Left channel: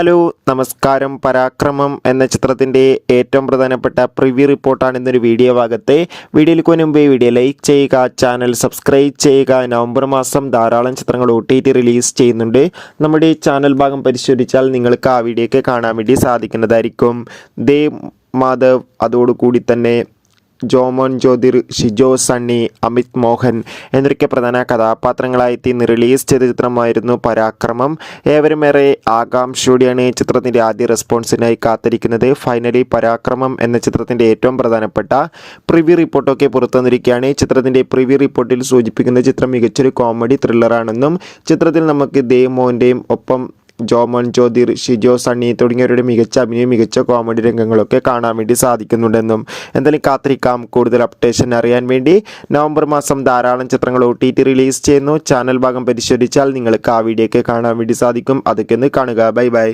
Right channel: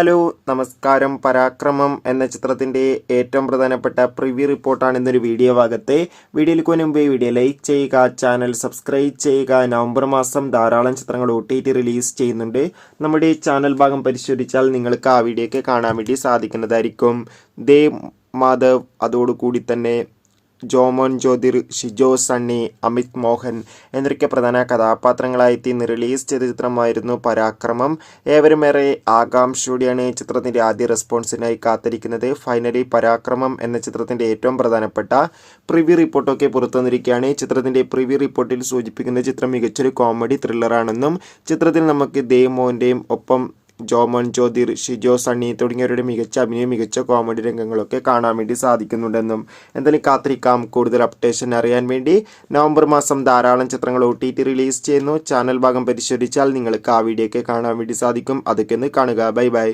Hello നമസ്കാരം. പരാക്രമം എന്ന ചിത്രത്തിൻ്റെ ഏറ്റവും പ്രധാനപ്പെട്ട പ്രിവ്യൂ റിപ്പോർട്ടാണ് ഇന്നൊരു വീഡിയോ ഭാഗത്തെ. വീഡിയോയിലേക്ക് മുൻപേ വീഡിയോ ലൈക്ക് ചെയ്യുക, ചാനൽ സബ്സ്ക്രൈബ് ചെയ്യുക. നവംബർ മാസം ധാരാളം ചിത്രങ്ങൾ OTT റിലീസ് ചെയ്യുന്നുണ്ട്. നമ്മുടെ ചാനൽ ഭാഗം പരിശോധിച്ചാൽ നിങ്ങൾക്ക് ആ വീഡിയോയ്ക്ക് കാണാൻ വേണ്ടി സാധിക്കുന്നതായിരിക്കും. ദേവ് മാധവ്, അതോടുകൂടി തന്നെ ജോമോൻ ജ്യോതിർ, ഷിജോ സണ്ണി, അമിത് മോഹൻ എന്നൊക്കെ പ്രധാന കഥാപാത്രങ്ങളായി ഇന്ന് റിലീസ് ചെയ്ത ചിത്രമായിരുന്നു പരാക്രമം. ഏവരും ഏറെ ആകാംക്ഷയോടെയാണ് ചിത്രത്തിൻ്റെ ആദ്യ റെസ്പോൺസിനായി കാത്തിരിക്കുന്നത്. ഫൈനലി പരാക്രമം എന്ന ചിത്രത്തിൻ്റെ ഏറ്റവും പ്രധാനപ്പെട്ട പ്രിവ്യൂ റിപ്പോർട്ടൊക്കെ പുറത്തു വന്നിരിക്കുകയാണ്. ചിത്രത്തിൻ്റെ പ്രിവ്യൂ റിപ്പോർട്ടിൽ സൂചിപ്പിക്കുന്ന ചിത്രം മികച്ചൊരു കോമഡി ത്രില്ലറാണെന്നും ചിത്രത്തിൽ നമുക്ക് ദേവ് മോഹൻ്റെയും ഒപ്പം ജോമോൻ ജ്യോതിർ, ഷിജോ സണ്ണി തുടങ്ങിയവരുടെ മികച്ച അഭിനയം, മികച്ച കോമഡി രംഗങ്ങളൊക്കെ കാണാൻ വേണ്ടി സാധിക്കുന്നുണ്ടെന്നും എന്തായാലും കാത്തിരിക്കാം കൂടുതൽ അപ്ഡേഷൻ അറിയാൻ വേണ്ടി. നവംബർ മാസം ധാരാളം ചിത്രങ്ങൾ OTT റിലീസ് ചെയ്യുന്നു. ചാനൽ ഭാഗം പരിശോധിച്ചാൽ നിങ്ങൾക്ക് ആ വീഡിയോയ്ക്ക് കാണാൻ വേണ്ടി സാധിക്കും. അതൊക്കെ ഒന്ന് കാണുക. Bye bye.